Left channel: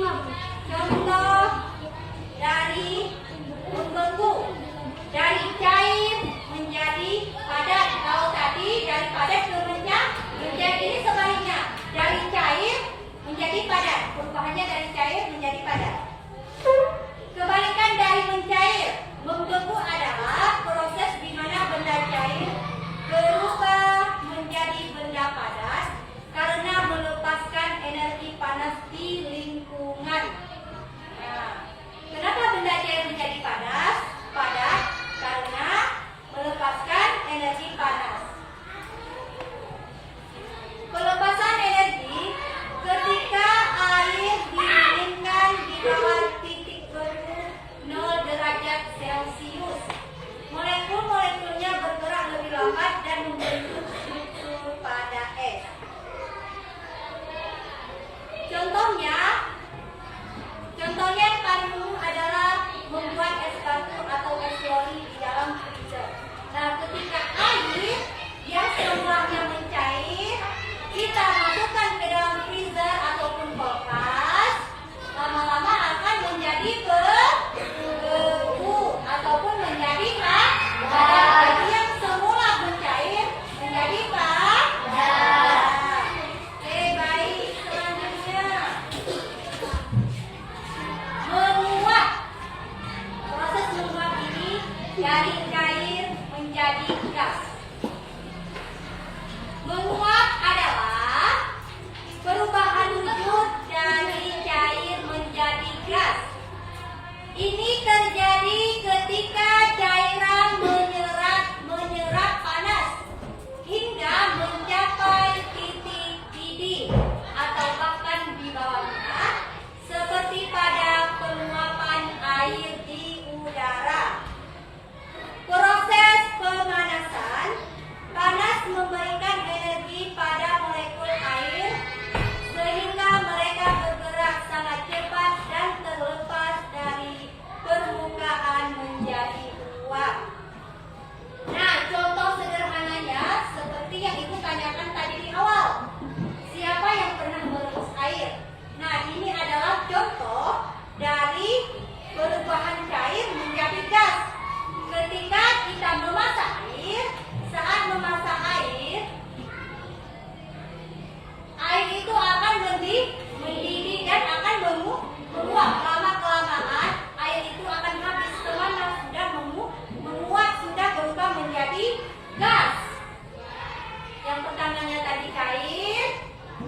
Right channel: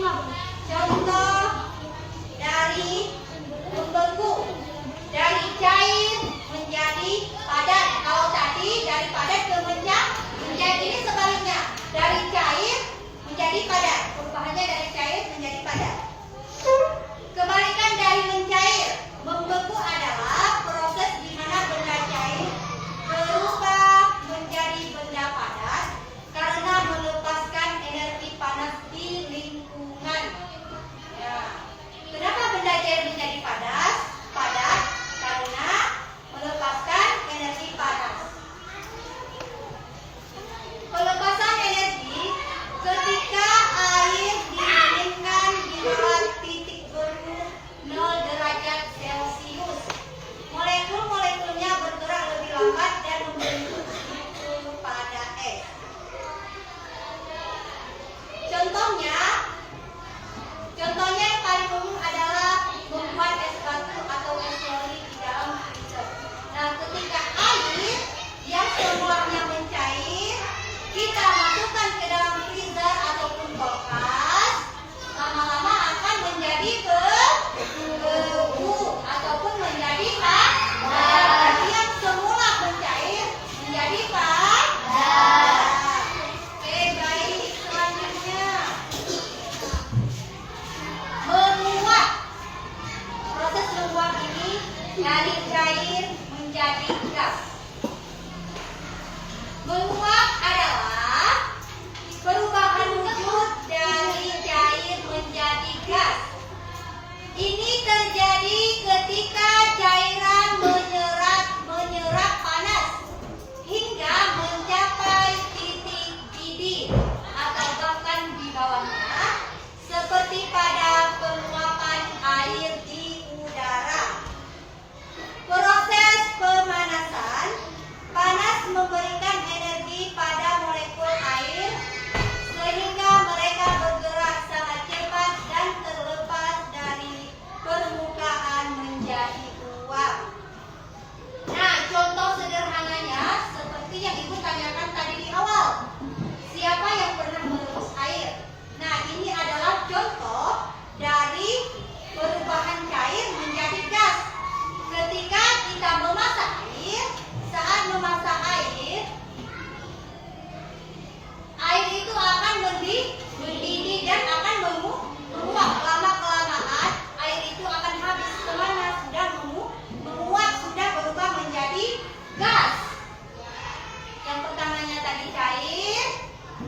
Contoh dari membeku, dari cair menjadi padat. Kalau tadi dari padat ke menjadi, ini sebaliknya, dari cair menjadi padat. Perubahannya dari cair menjadi padat. Kebalikan dari mencair, membeku adalah proses di mana benda cair berubah menjadi benda padat karena melepaskan energi panas di lingkungan. Nah, kenapa benda cair menjadi padat? Karena melepaskan energi panas. Pelepasan energi ketika air didinginkan di bawah titik beku 0 derajat Celcius. Molekul-molekulnya bergerak lebih lambat dan membentuk struktur pada es. Contohnya yang paling umum adalah membuat es batu atau es loli di dalam freezer. Nah, ketika air yang semulanya mencair kita masukkan ke dalam freezer ataupun kulkas, lama-lama akan menjadi beku ataupun menjadi padat. Jadi yang semula mencair menjadi padat. Oke, baik. Selanjutnya menguap. Proses menguap ini dari cair menjadi gas. Menguap adalah perubahan wujud dari cair menjadi gas. Ini terjadi ketika cairan menyerap panas hingga mencapai titik didih atau bahkan di bawahnya, seperti pada penguapan air di udara. Proses pemanasan, panas memberikan energi pada molekul air sehingga mereka bergerak sangat cepat dan terlepas dari permukaan menjadi uap. Nah, contoh sederhananya seperti yang Ibu tanyakan tadi di awal. Siapa yang pernah merebus air? Nah, ini adalah contoh dari perubahan cair menjadi gas. Ketika kita memasak air, saat memasak air itu akan mendidih dan akan menguap. Lama-kelamaan air itu akan habis karena sudah menguap, sudah berubah menjadi gas. Yang pertamanya tadi cair,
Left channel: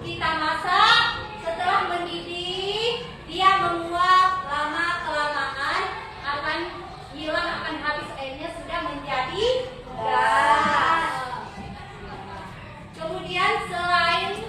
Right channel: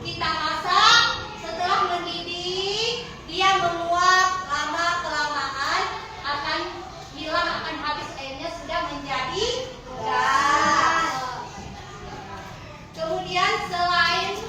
kita masak, setelah mendidih dia menguap, lama-kelamaan akan hilang, akan habis airnya, sudah menjadi gas. Kemudian selain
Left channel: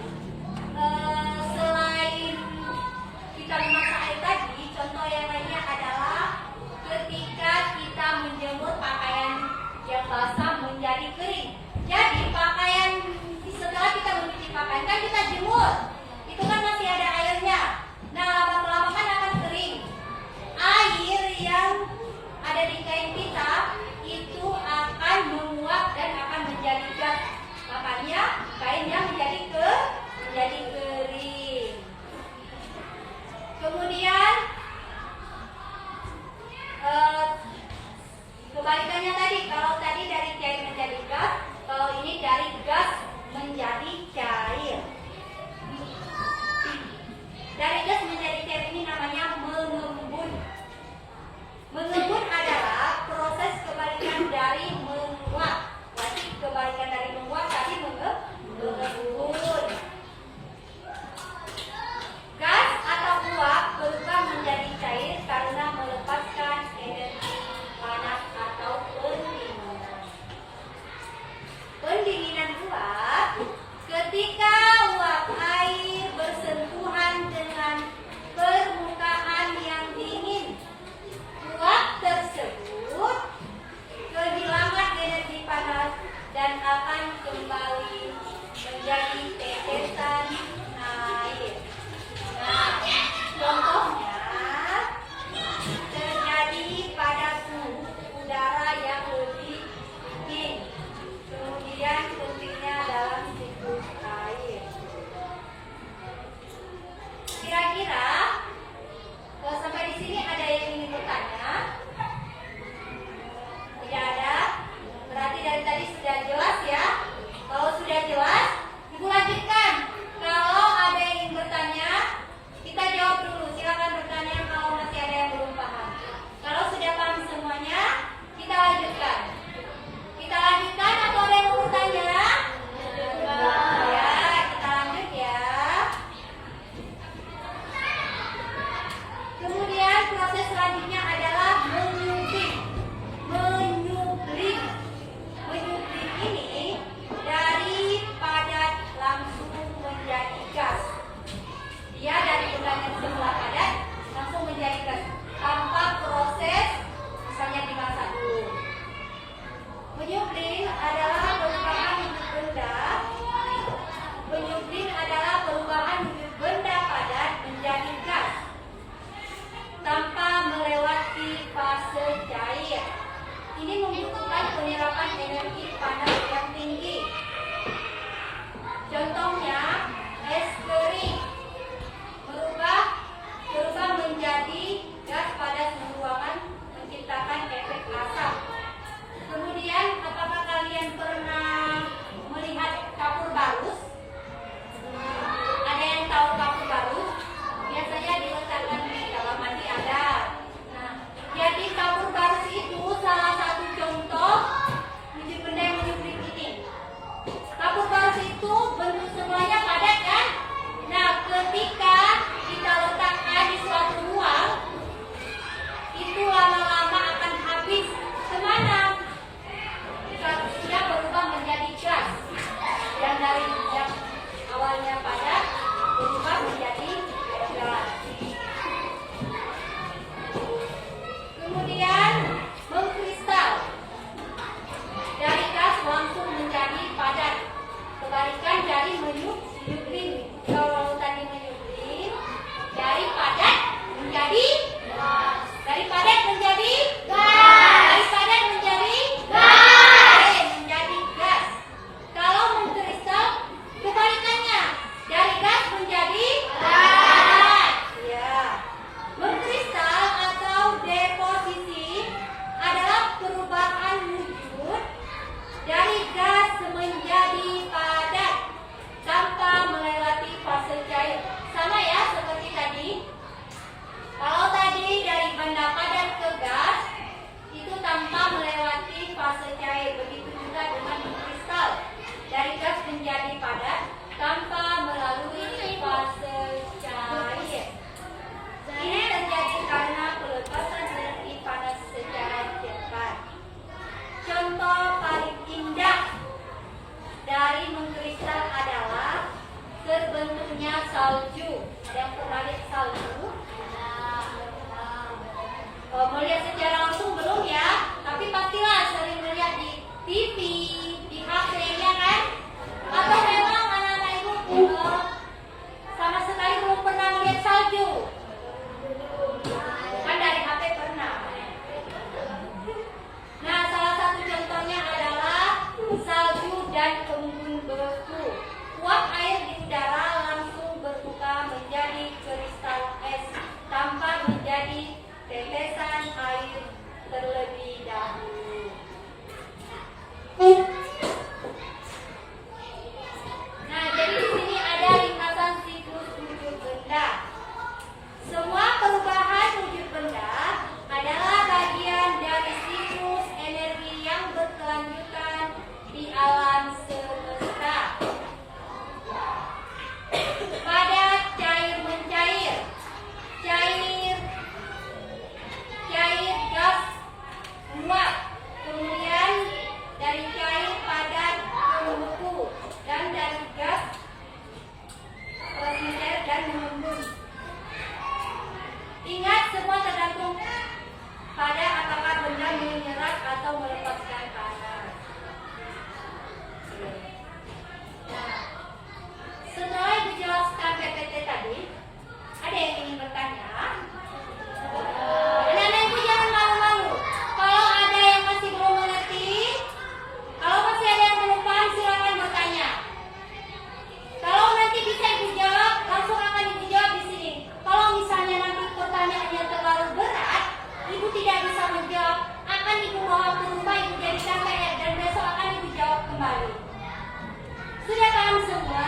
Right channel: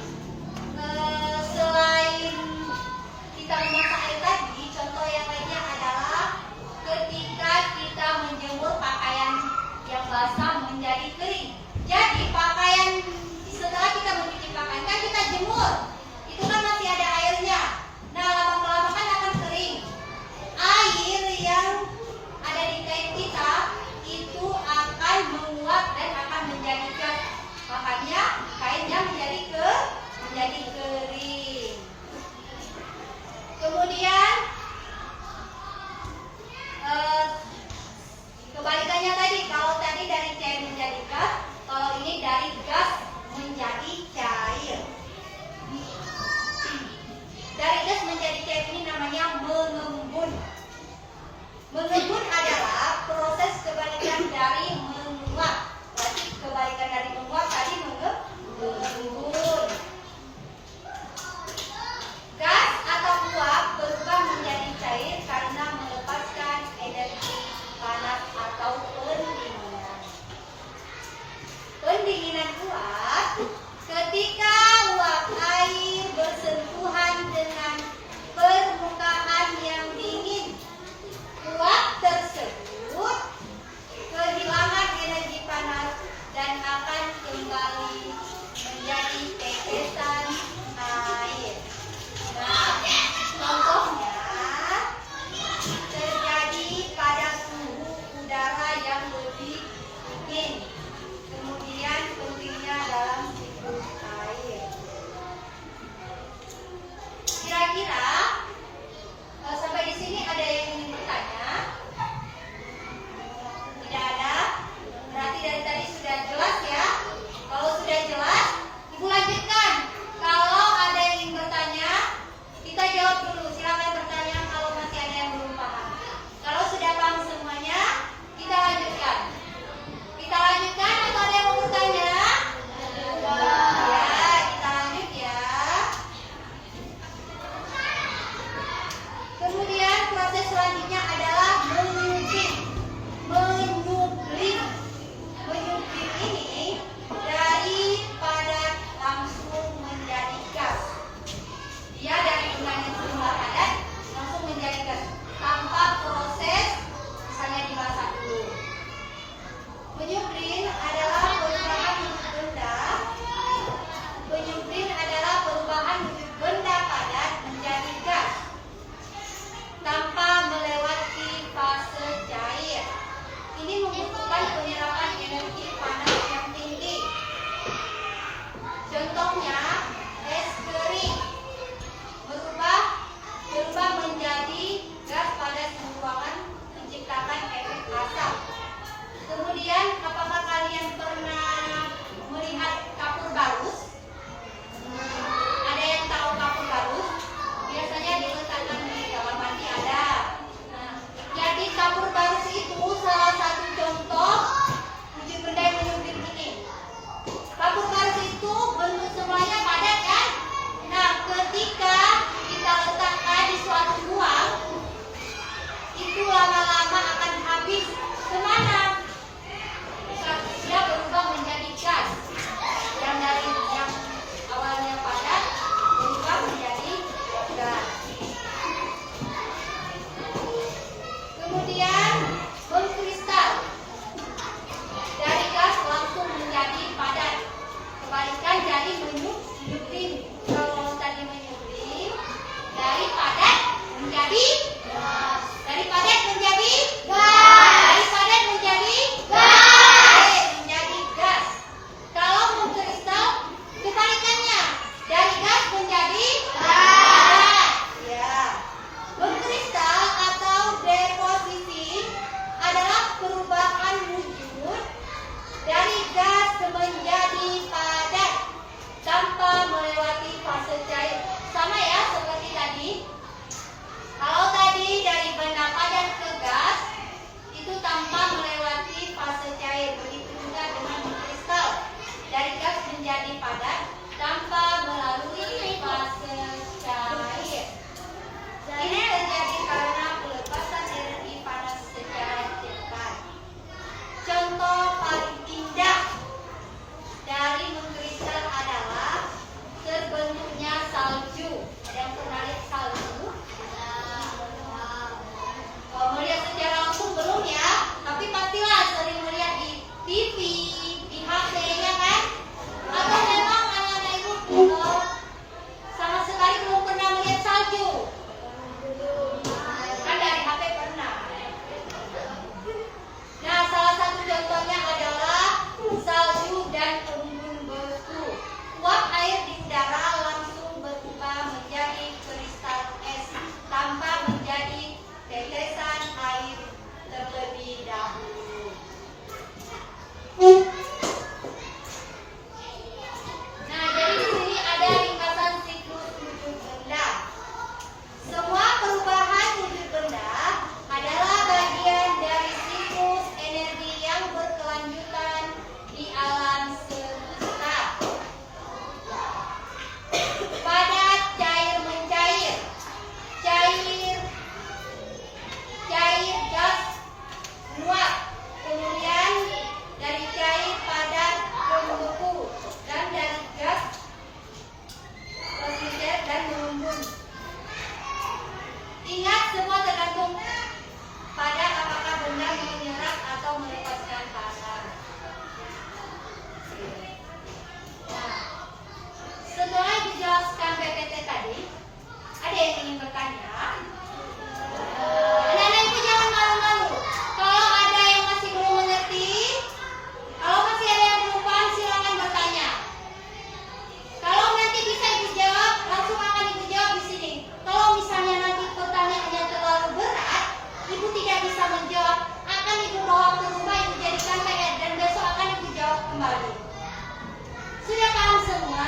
dahulu. Nah, jadi di sini ada ringkasan siklus wujud benda. Semua perubahan wujud benda adalah bagian dari siklus energi yang berkelanjutan di alam semesta. Padat, cair, mencair. Cair, gas, uap. Kemudian dari cair padat ke membeku, dan dari gas ke mencair dan mengembun. Ingat, semua tergantung pada apakah benda menyerap atau melepaskan panas. Nah, setelah dijelaskan PPT tadi, ada yang ingin bertanya? Anak-anak ibu jangan malu-malu. Kalau ada yang masih belum mengerti, kalau masih ada yang belum paham, silakan bertanya. Kalau nanti bisa ibu jawab, langsung akan ibu jawab di sini. Kalau misalnya nanti pertanyaannya terlalu berat, ibu tidak bisa menjawab, akan ibu bawa ke rumah, ibu jadikan PR dan besok akan ibu jawab kembali. Sudah paham semua?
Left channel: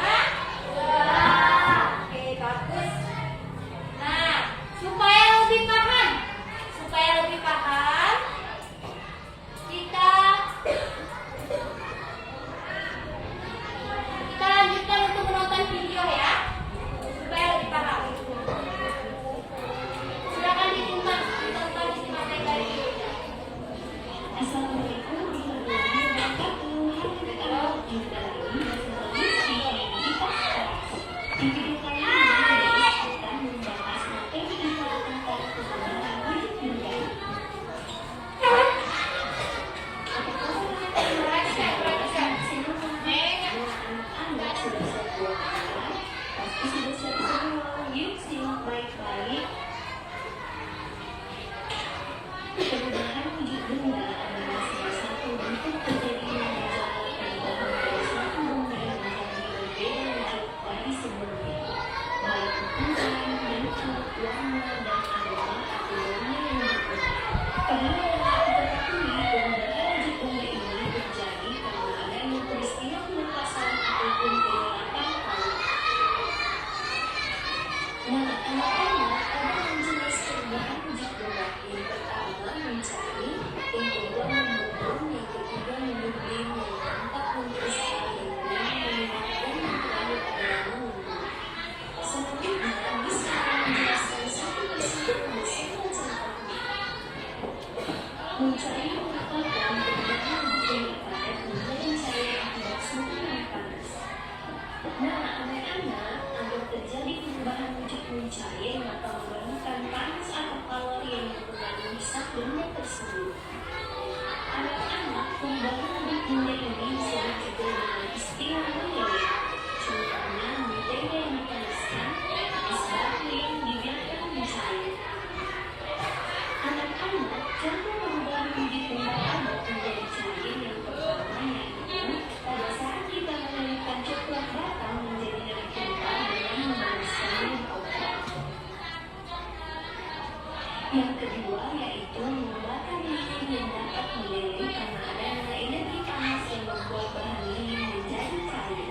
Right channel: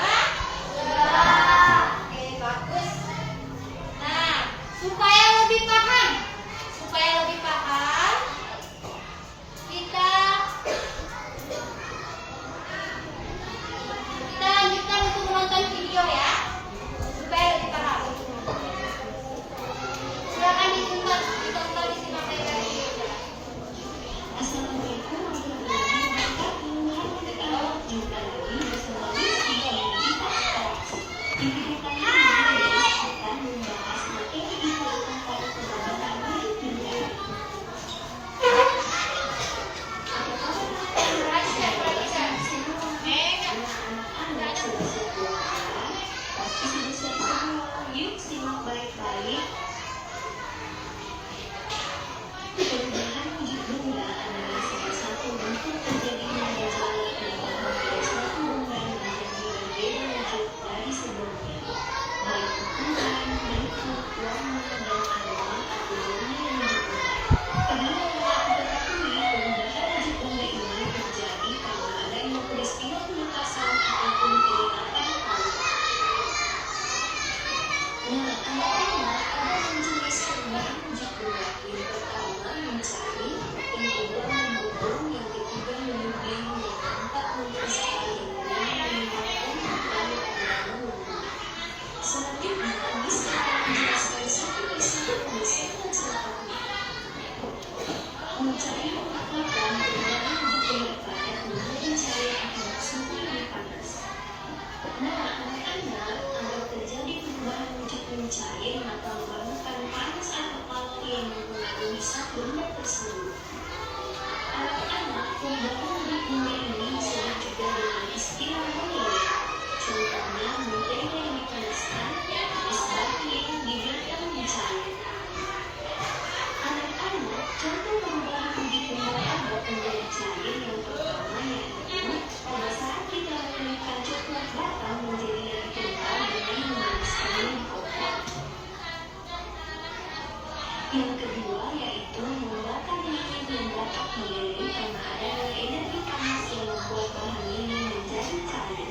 Sudah. Oke, bagus. Nah, supaya lebih paham, kita lanjutkan untuk menonton video ya, supaya lebih paham. Silakan ditonton, disimak baik-baik. Assalamualaikum warahmatullahi wabarakatuh. Jumpa lagi bersama Rizky dan Gita. Di video kali ini akan membahas materi tentang perubahan wujud benda. Anak-anak sudah sebuah kata, pasti sudah siap semua. Yuk simak baik-baik. Perubahan wujud benda adalah salah satu bentuk terjadinya gejala perubahan dari satu benda menjadi berbeda wujud dari sebelumnya, baik ukuran, bentuk, warna, dan aroma atau baunya yang berbeda. Padahal dapat diketahui perubahan wujud benda ini terjadi karena adanya peristiwa pelepasan ataupun penerapan aroma. Nah, anak-anak ada jenis perubahan wujud benda. Yang pertama mencari, yang kedua membubung, yang ketiga menyublim, yang keempat membersih, yang kelima meningkatkan, yang terakhir adalah mengubah. Selanjutnya, bisa menjelaskan satu persatu hasil penceritaannya. Mencari merupakan perubahan wujud benda padat menjadi cair akibat suhu yang panas. Nah, anak-anak, agar terjadi perubahan wujud mencair maka memerlukan panas atau kalori yang mempengaruhi zat benda tersebut. Anak-anak, perubahan wujud benda ini disebut juga dengan istilah meleleh. Contohnya, mentega yang dipanaskan, es batu yang dibiarkan mencair. Anak-anak, contoh perubahan wujud benda padat menjadi cair yang pertama yaitu pada saat kita menyanyikan coklat bata menjadi lebih kental dengan memanaskannya di kompor. Yang kedua yaitu menggunakan lilin yang dapat meleleh karena adanya energi panas yang membuat bahan lilin menjadi cair.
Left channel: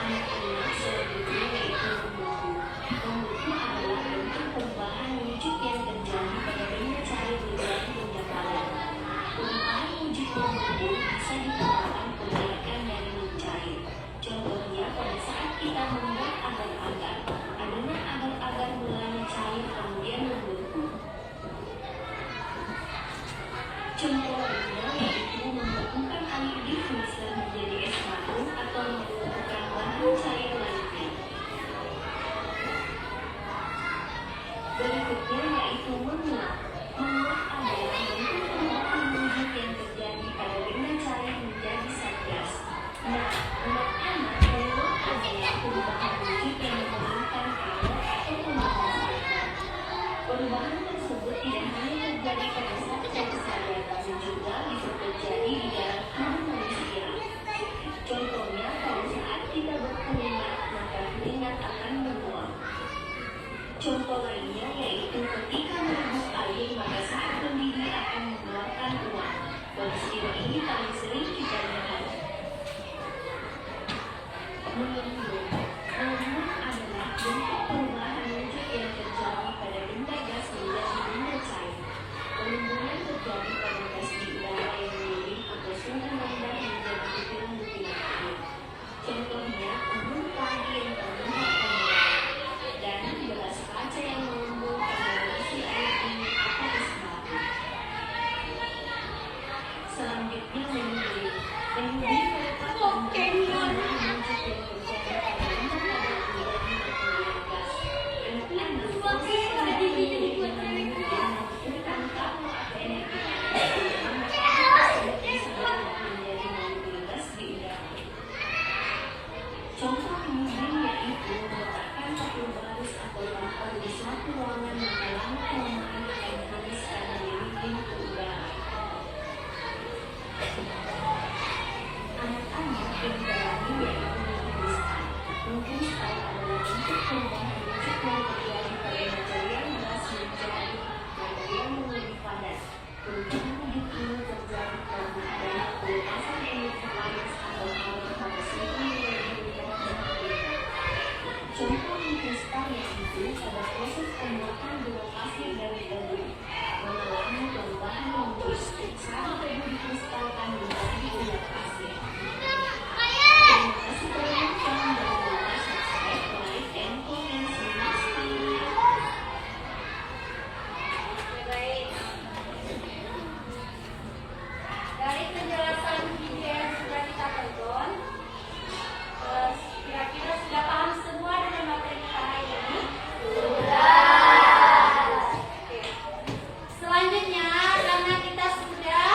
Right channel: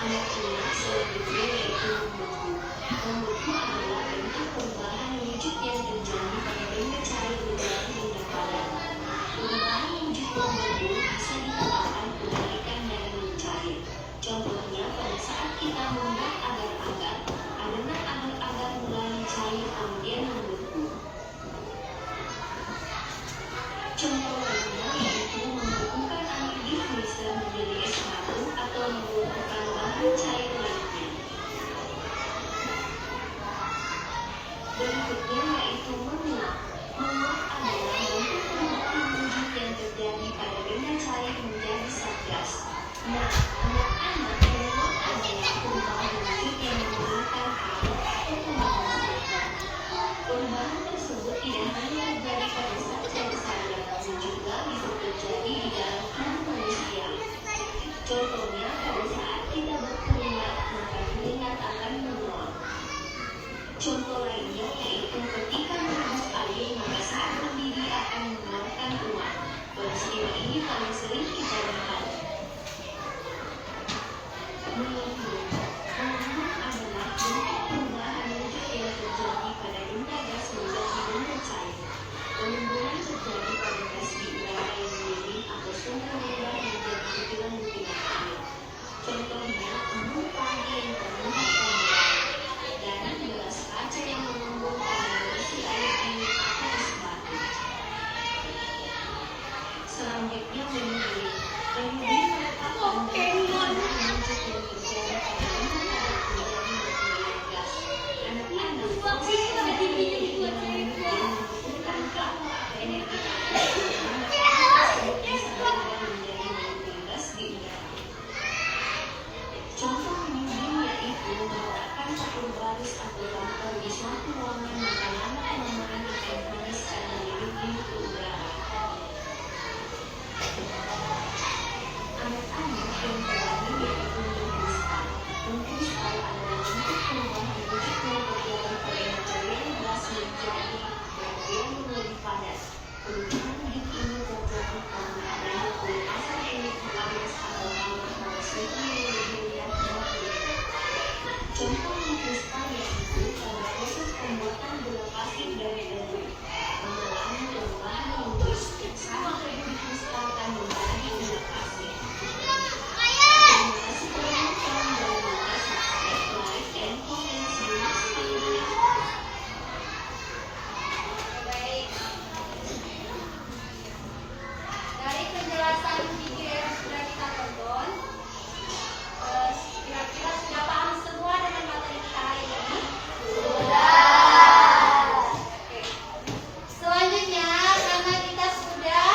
Anak-anak, selanjutnya yaitu membeku. Membeku adalah bentuk perubahan wujud yang terjadi pada benda cair menjadi benda padat. Perubahan wujud membeku bisa dikatakan kebalikan dari mencair. Contohnya pada saat kita membuat agar-agar, adonan agar-agar mulai cair kemudian membeku. Contoh lainnya yaitu membekukan air di freezer menjadi es batu atau menggunakan bahan cair lainnya. Berikutnya yaitu menguap. Menguap adalah bentuk perubahan wujud yang terjadi pada benda cair menjadi zat gas. Nah, anak-anak, menguap adalah perubahan wujud yang menggunakan air atau pembahan air. Perubahan tersebut tidak hanya terjadi pada zat gas saja, namun juga bisa terjadi di dalam tubuh manusia. Contohnya pada saat kita berkeringat, maka keringat akan menguap. Contoh lainnya yaitu ketika Contoh kristal yaitu pada proses pembuatan gula pasir dari debu, pengolahan dan bahan logis saat debu dikristalkan menjadi gula pasir. Terima kasih telah menonton dan lupa subscribe, like, and comment. See you next time. Baik. Dari penjelasan video yang sudah kita tonton, kira-kira sudah paham semua dengan materi kita hari ini? Sudah. Oke. Selanjutnya, karena kita sudah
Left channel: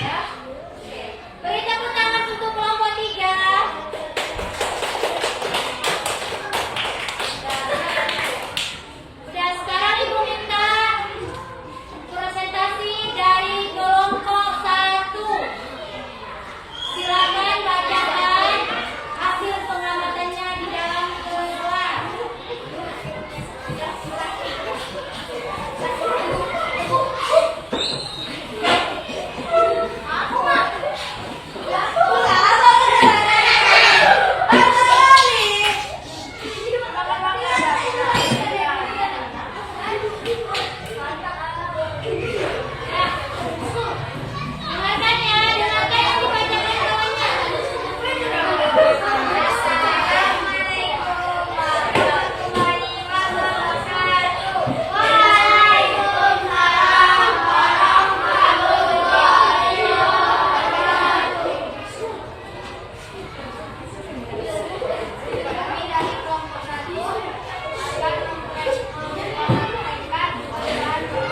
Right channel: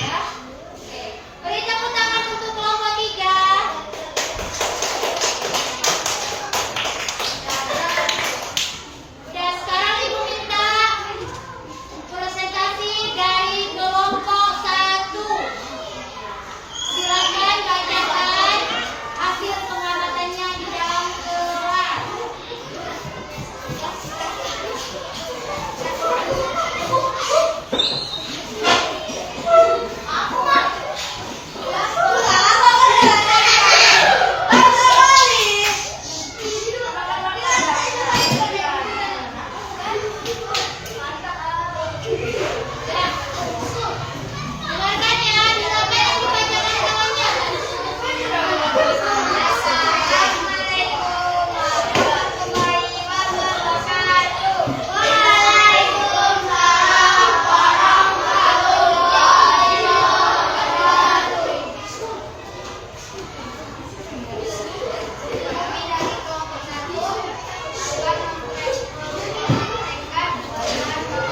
Ya. Oke. Beri tepuk tangan untuk kelompok 3. Udah, sekarang Ibu minta presentasi dari kelompok 1. Silakan bacakan hasil pengamatannya di dalam kelas. Dengarkan ya, dengarkan yang dibacakan tangannya. Assalamualaikum warahmatullahi wabarakatuh. Waalaikumsalam warahmatullahi wabarakatuh. Kami dari kelompok 1 akan menyampaikan bahan yang menjadi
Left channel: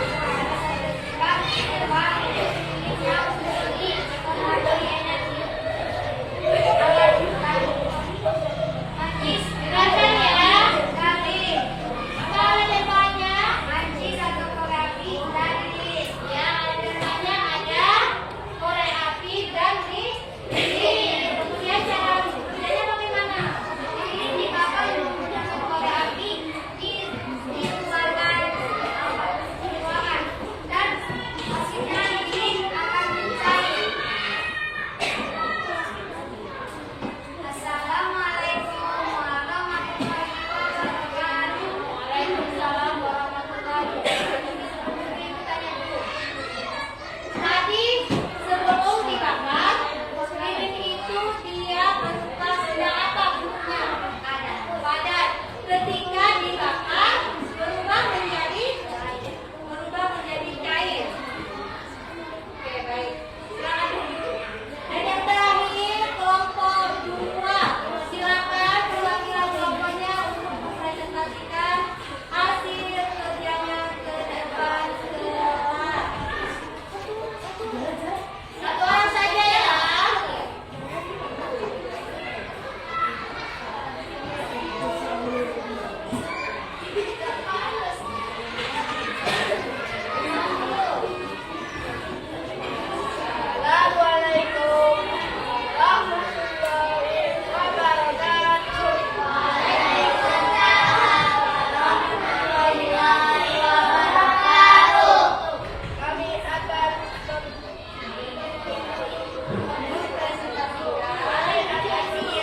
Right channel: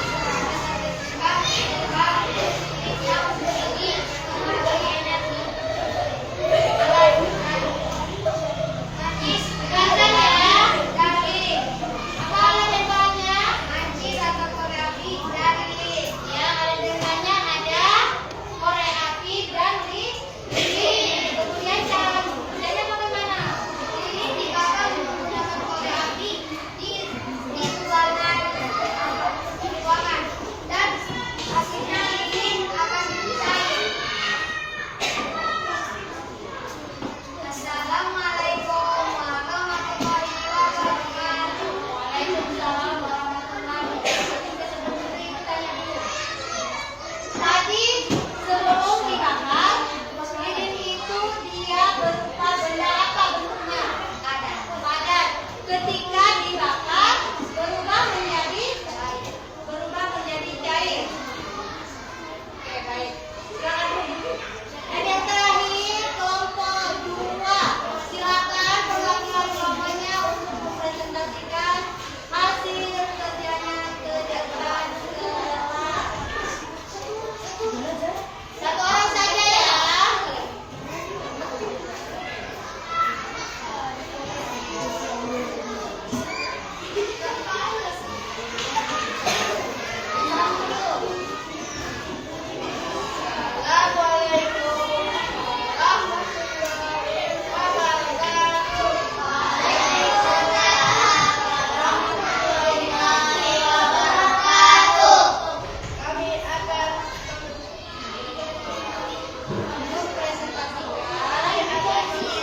energi. Mancis, dengarkan ya. Dalil. Apa temanya? Mancis atau korek api dan lilin. Ya, ada temanya ada korek api dan lilin. Kemudian cara kerjanya bagaimana? Lilin dibakar menggunakan korek api di ruangan dan hasilnya lilin akan mencair. Assalamualaikum warahmatullahi wabarakatuh. Waalaikumsalam warahmatullahi wabarakatuh. Sebelum tanya dulu. Tadi sebelum dibakar, lilin itu dia berupa benda apa bentuknya? Ada padat. Ketika dibakar berubah menjadi cair. Oke, baik. Silakan dulu. Dan yang terakhir kelompok 2. Silakan perwakilan kelompoknya untuk mempresentasikan hasil kerjanya ke depan kelas. Satu orang saja ya. Assalamualaikum warahmatullahi wabarakatuh. Waalaikumsalam warahmatullahi wabarakatuh. Kami akan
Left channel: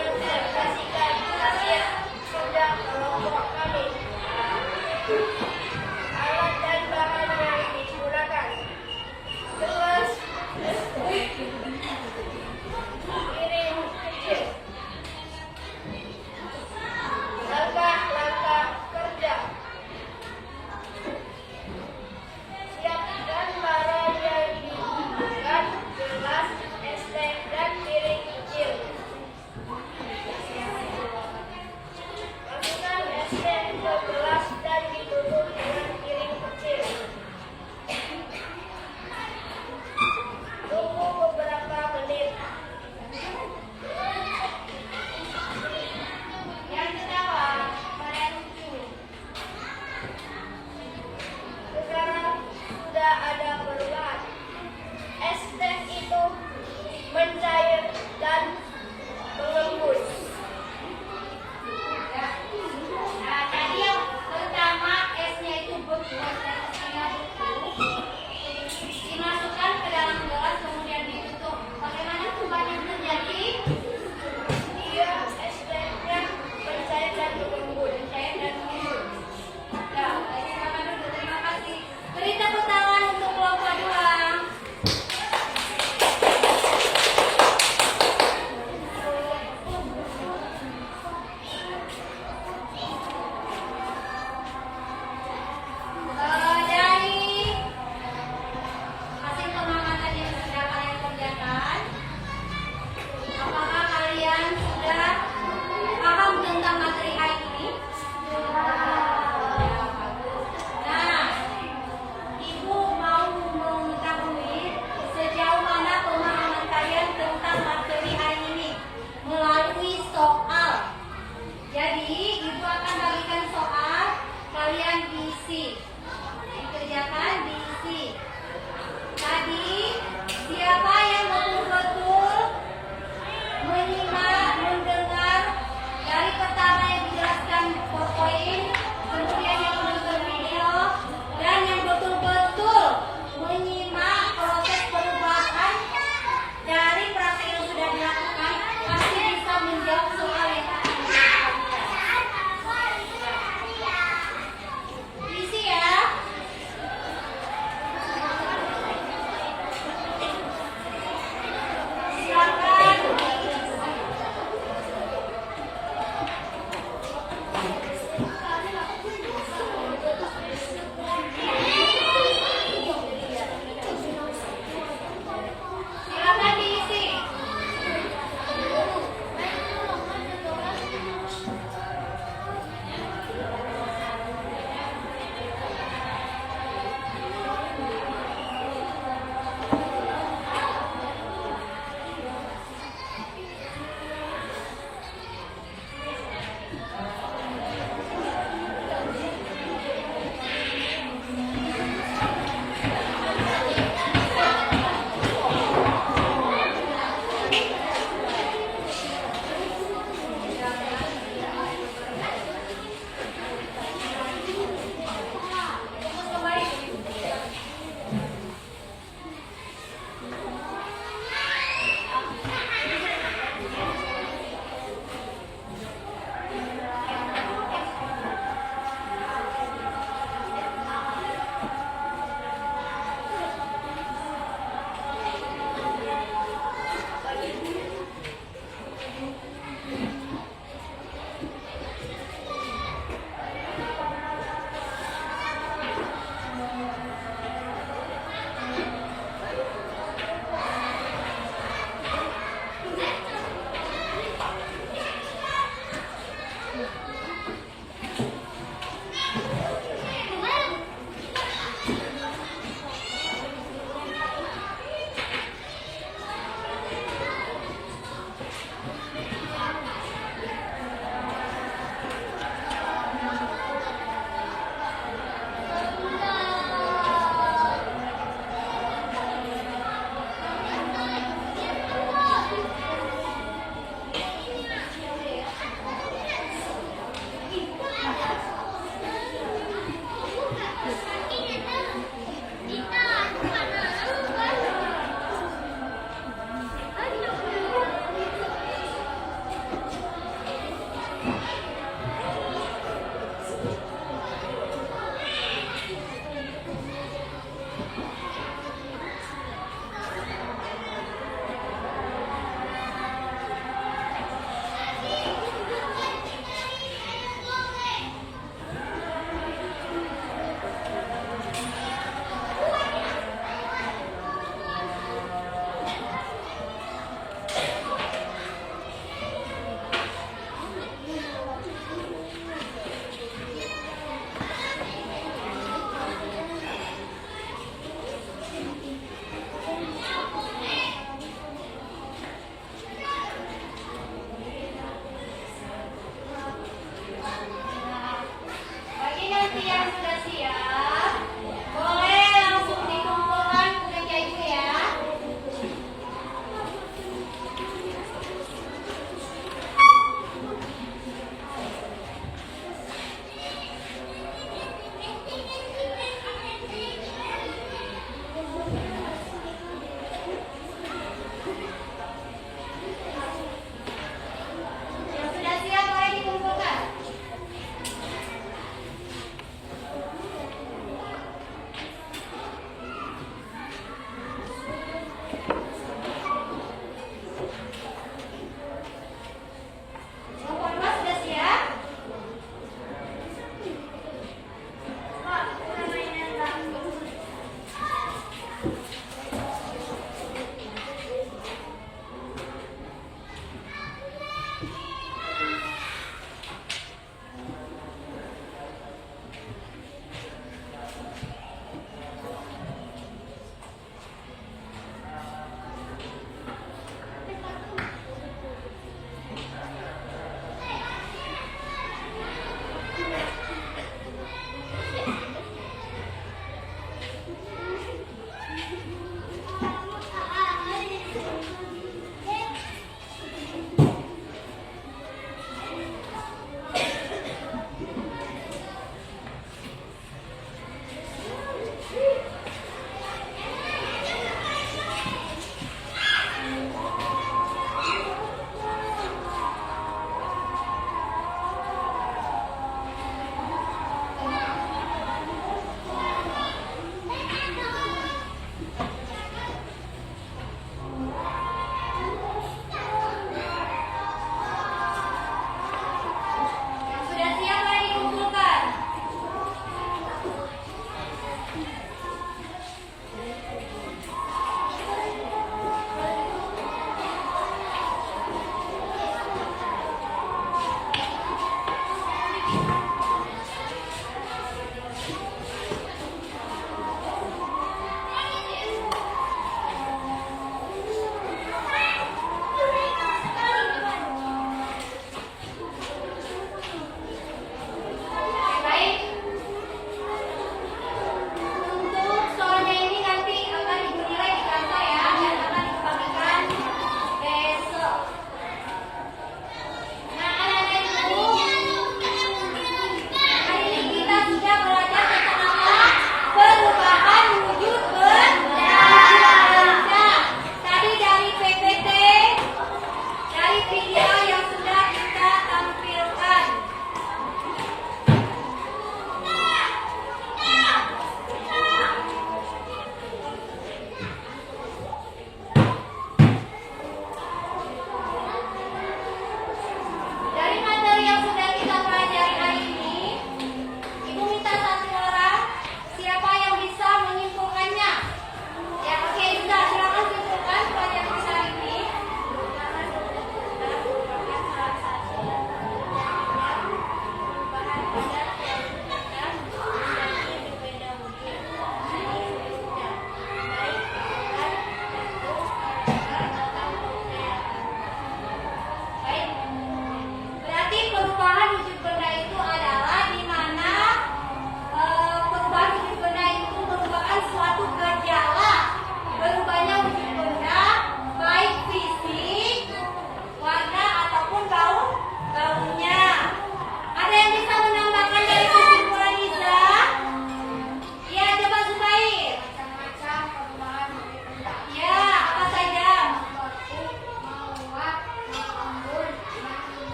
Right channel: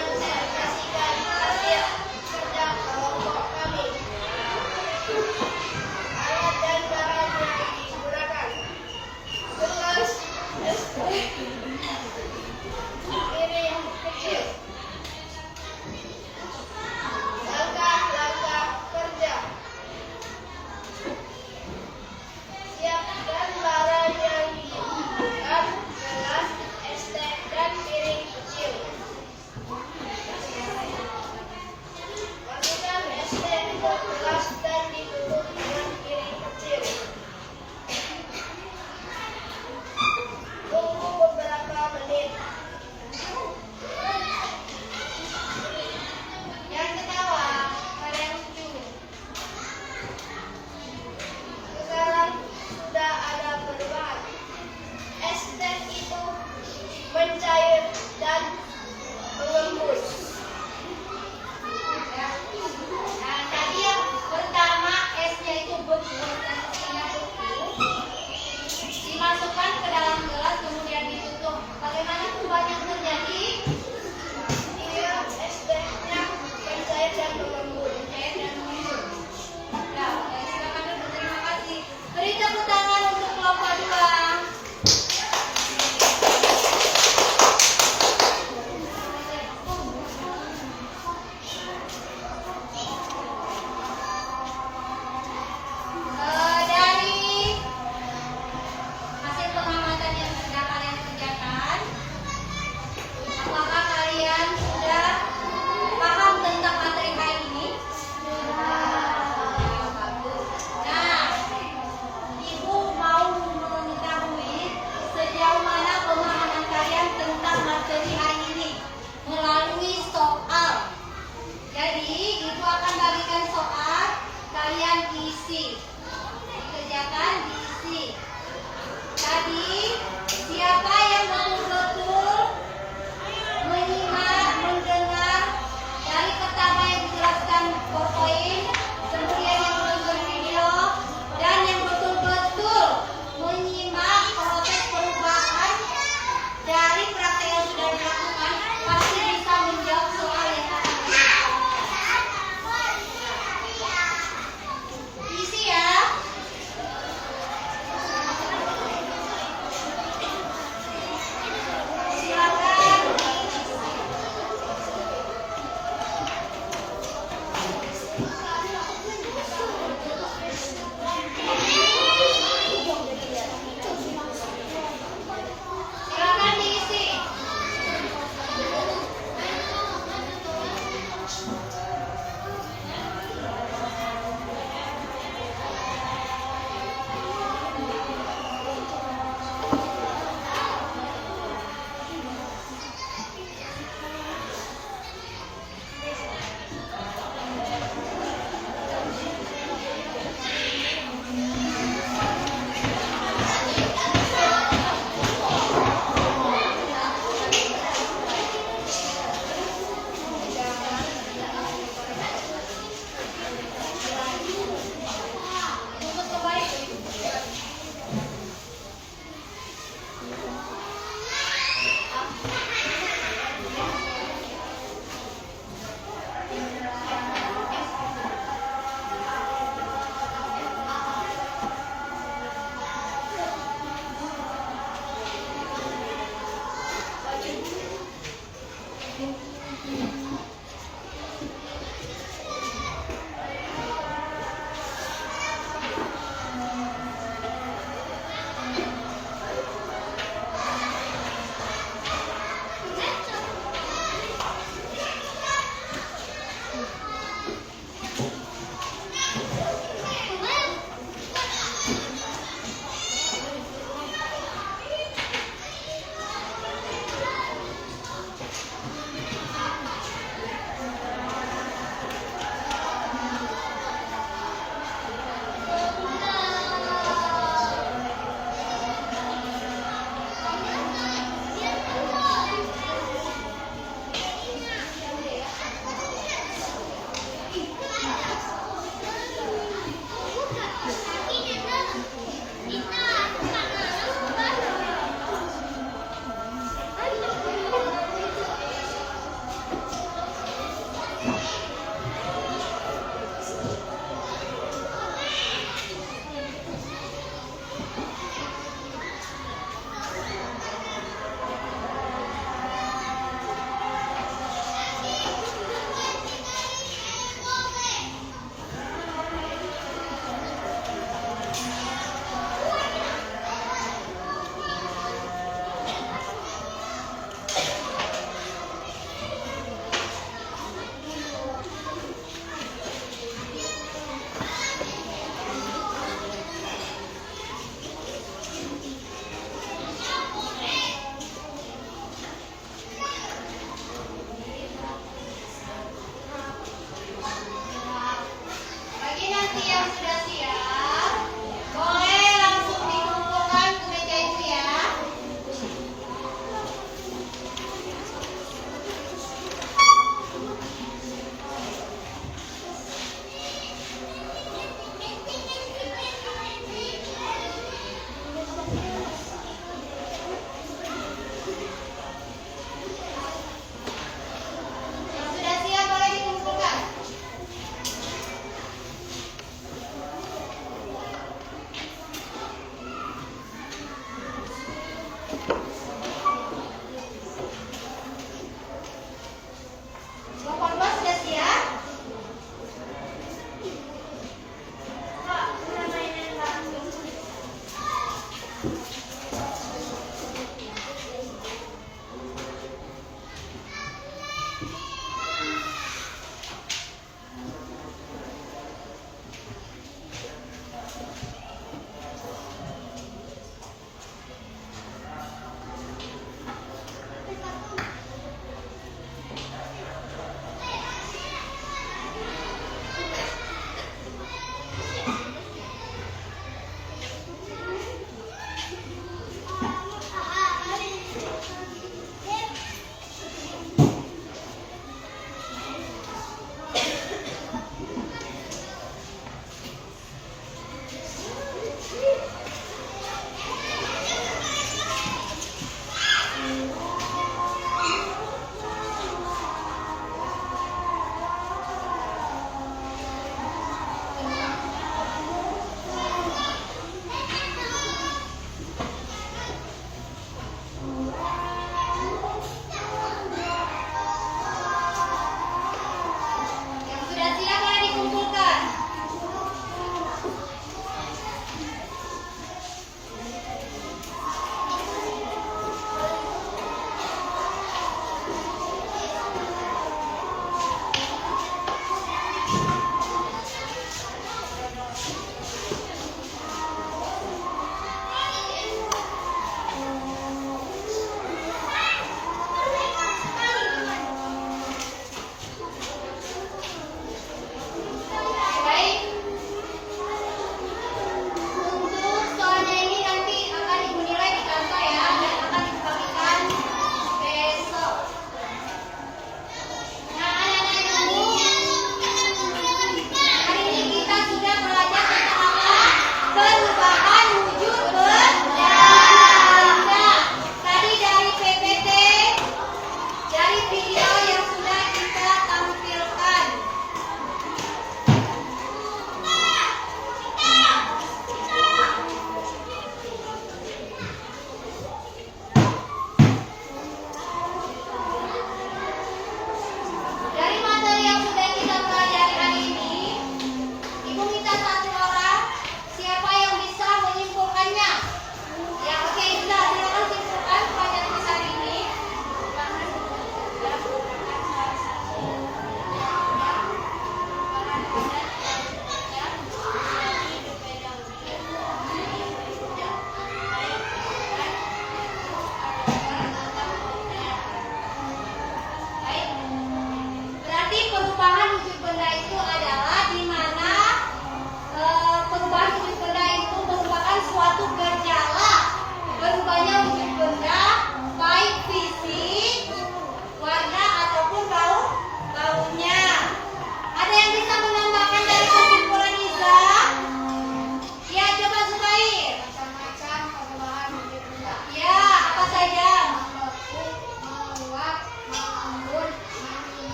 mempresentasikan hasil kerja kelompok kami. Alat dan barangnya ini digunakan. Gelas piring kecil. Langkah-langkah kerja. Siapkan barang yang dibutuhkan, gelas, es teh, dan piring kecil. Masukkan es teh ke gelas dan ditutup dengan piring kecil. Tunggu beberapa menit. Jangan ketawa, pada yang lucu. Sekarang sudah ada perubahan. Es teh itu mencair dan mengembus. Nah, tadi yang pertama esnya itu berbuat dan setengah itu dimasukkan ke dalam gelas kemudian ditutup. Bagaimana perubahan yang terjadi? Iya, es tehnya mencair dan mengembus. Mencair dan mengembus. Nah, silakan dulu. Terima kasih. Beri tepuk tangan untuk kelompok 2. kalian isi.